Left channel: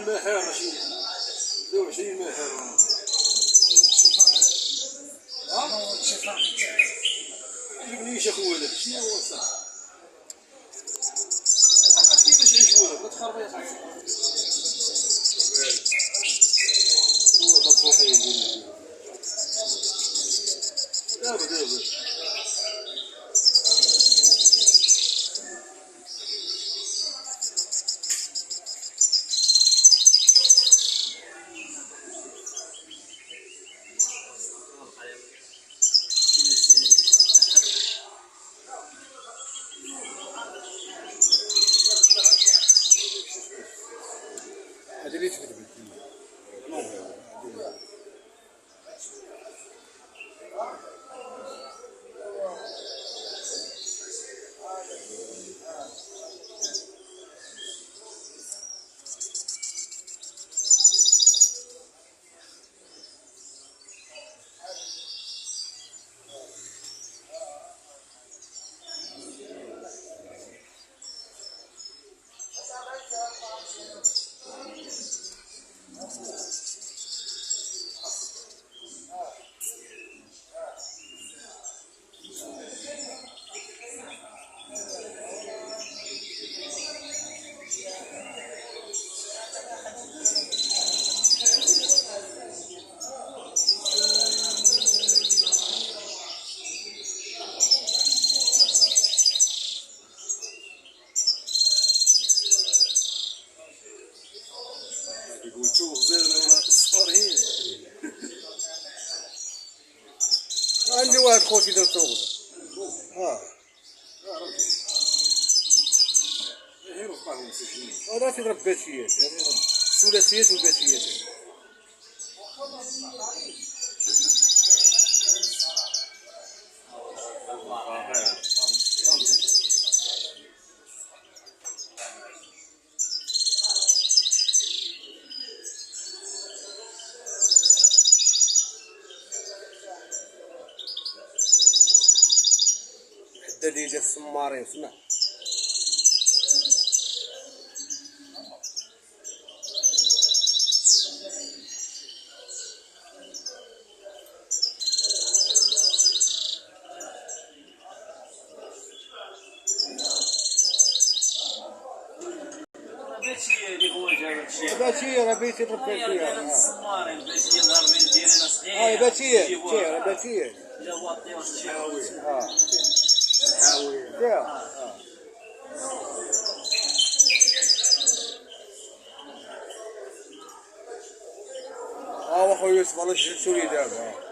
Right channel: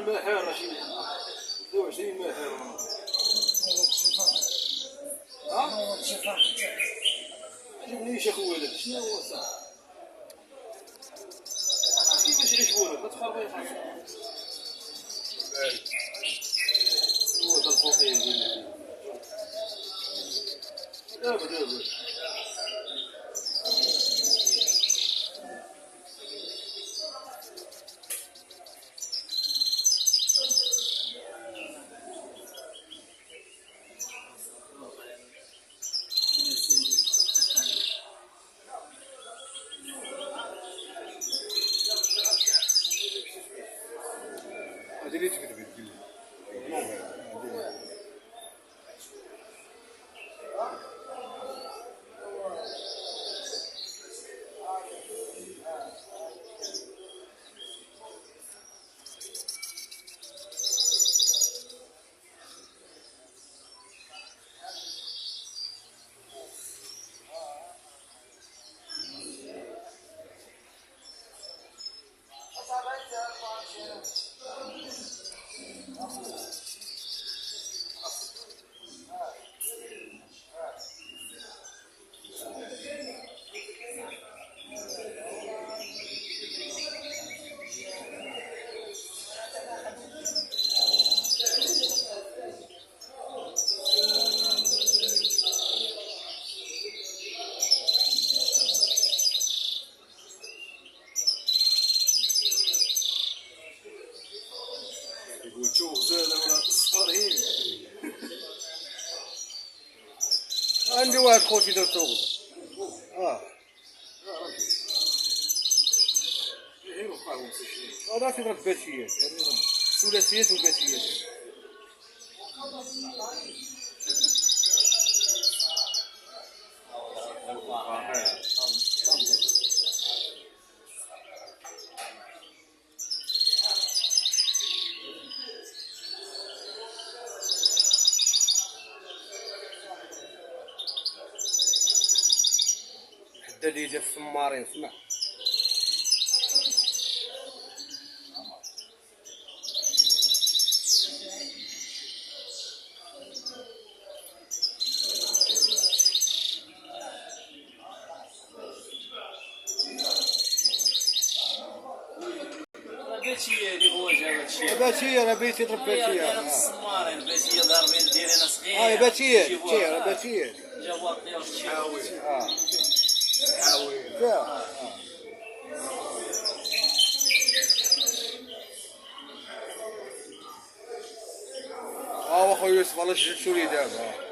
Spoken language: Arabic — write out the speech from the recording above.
المحار رشيد 22 محار جبنيش اخويا لك شنو هو الصح كيفاش يعيشوا ما تخربي يا صاحبي هو هذا الفوقي يقول لك دابا هذه اللي تكتب يقول شوف زين صارين عندي واحد خوتي دار توغل غير وقعهم مسجلين هذا تضرب باتيات الثلاثيات والباتيات حدا اللي جا السمارين سمع باتيه اللي هو جا هادشي باتيه راه بيتي ضرب باتيه السمارين الباتيه ضاربين دايرين صغير باتيه راه باتيه جا واطي واش تشي حاوي حاوي واخويا يوسف الله يجزيك شو اللي دابا